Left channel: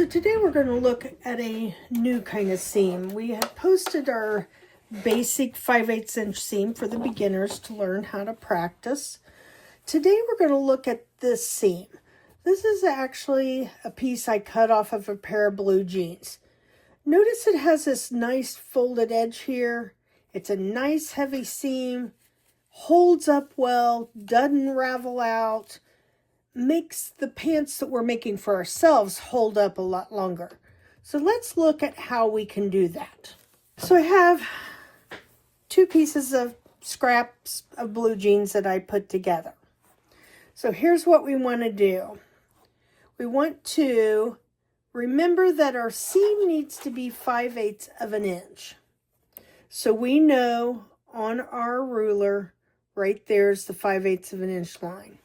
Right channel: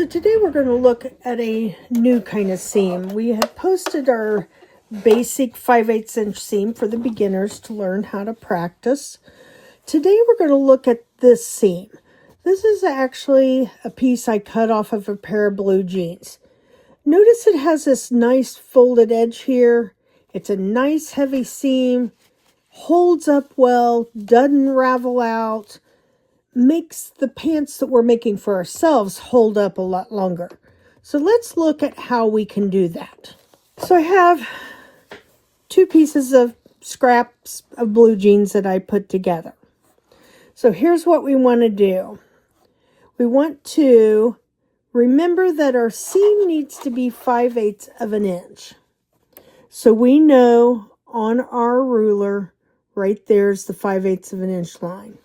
So today we're going to look at a new kind of seam. We had posted our basic 5/8 inch seam for the beginners to learn how to practice. Today we're going to look at this seam. This is actually a piece I cut off of a pair of blue jeans. Notice it has this nice folded edge here. It's a nice heavy seam, holds up well, doesn't ravel out, makes the pants that we're making for ourselves hold up a lot longer. So let's look at how we can do that. So I have two pieces of scraps of blue jeans that I put together. So here's what we want to do. We want to remember that our seam needs to be 5/8 of an inch. So we know on our ruler, right there's the 5/8 of an inch line.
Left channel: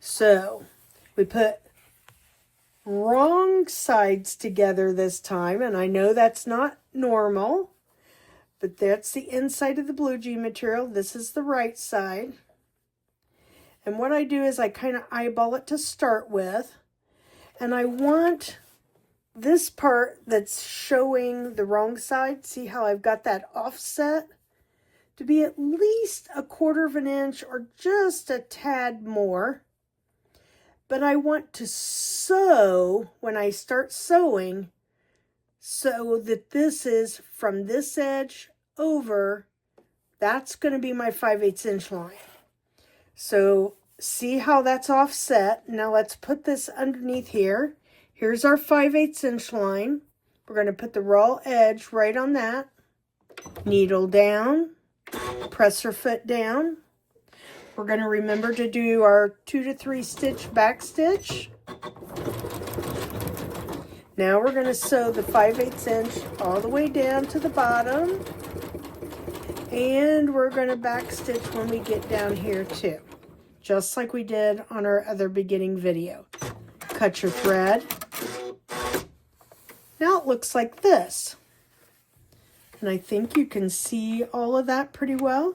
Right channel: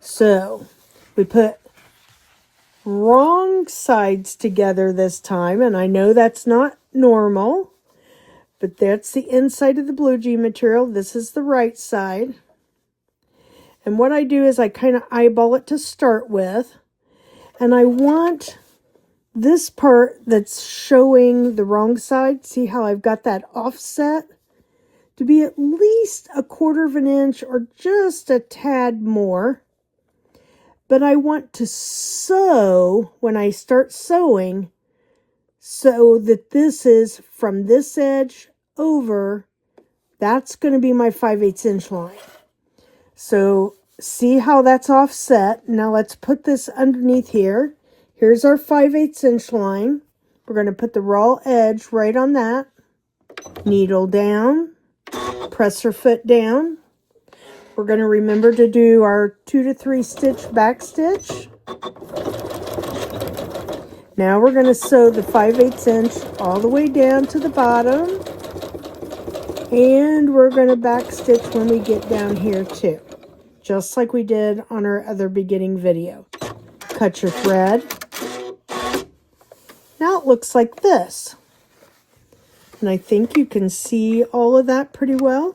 So we put wrong sides together this time, and I know that's not normal, but that's the inside of the blue jean material. This is the right side. And what I do is I kind of eyeball it to start with, and I want this part that's showing the wrong side, see how I've got that offset, to be at least 1/4 of an inch or just a tad more. But I want to sew, when I start sewing, so that this is from this edge over, that's going to be my 5/8 inch line. So see how that's offset. Now let's put this underneath here. Here's our 5/8 inch line. We're going to put the raw edge right on that. Needle down, press our foot down. We're going to remember to do our 2 to 3 stitch back stitch. Now we're going to sew the 5/8 inch all the way down to the bottom. And we're going to back stitch when we get down here too, just like we did on our other beginning video. Cut your thread. Now it looks like this. And I think you can see all of that pretty well.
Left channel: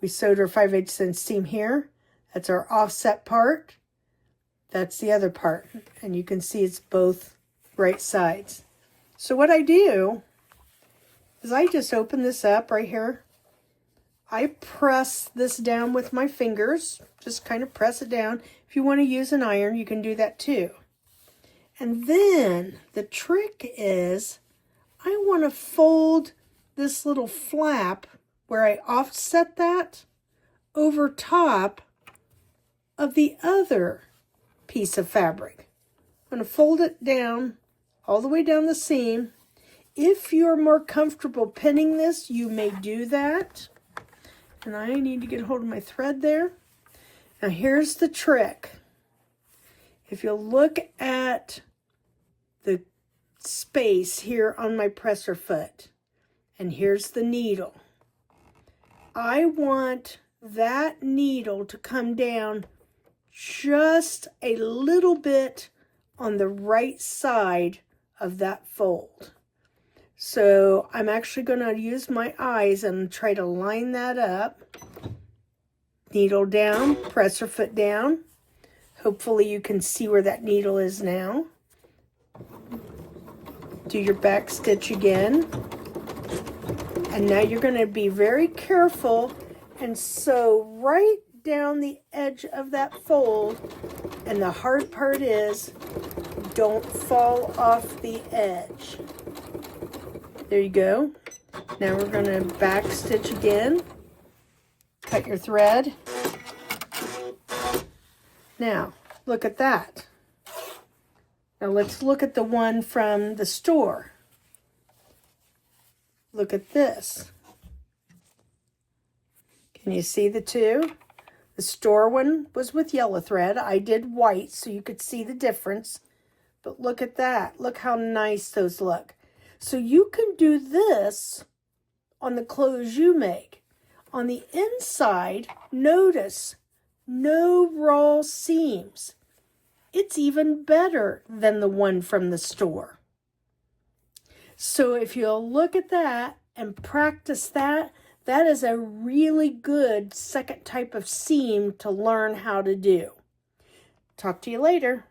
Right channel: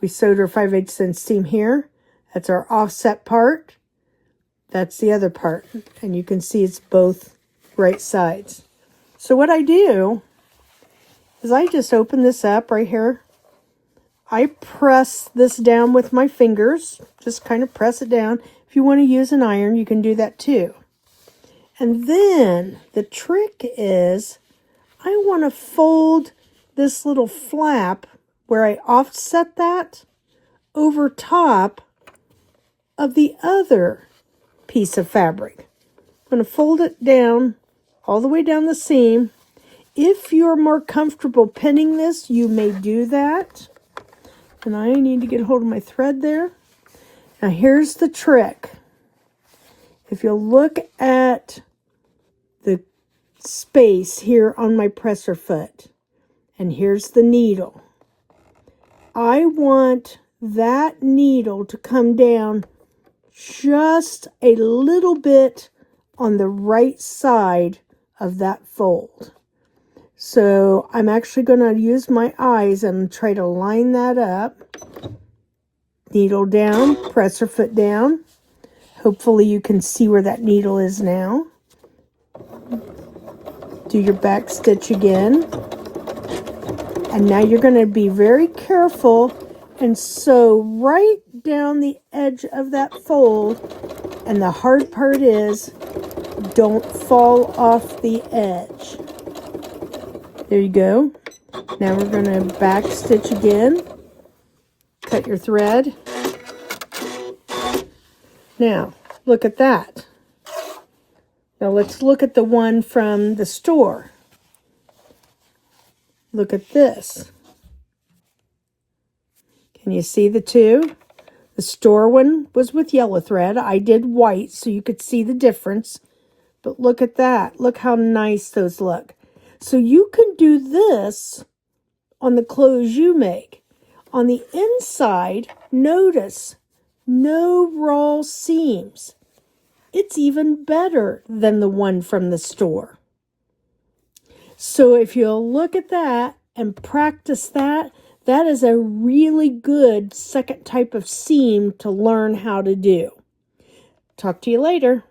We sewed our 5/8 inch seam here. That's our offset part. That's the other part. And you can see it's both right sides. So what I do is I just open this up right here. I press this down with my fingers. Just kind of press it down. If you want to use an iron, you can do that too. And then the trick is I want to fold this little flap where I offset that over top of the other piece of fabric. I'm going to fold it down all the way down the seam. If you're more comfortable pinning this, you may do that. And I need to get a hold of my thread there. Now here's the trick. If you look at the space here on my presser foot, and here's the needle, I want that needle to come down just a little bit on the right side of that fold. So I'm actually going to use my eyes and try to line that up. Needle down, presser foot down. Hopefully you can see where that needle is now. Do your back stitch again. And now you're going to be very careful and sew right down the edge of that fold. And the hard part is, don't fall off the edge. There you go. Now we're going to back stitch again. Cut your thread. Now, look at that. Now let's look at the one from the store. Look at this. Can you see the two? The store one was with yellow thread. I did white so you could see the difference. But look at that. Look how nice those look. So you can do this on the clothes you make. On the inside, notice no raw seams. It's even better than the one from the store. So if you'll look at that and practice that, that is a really good second type of seam to learn how to do. Talk to you later.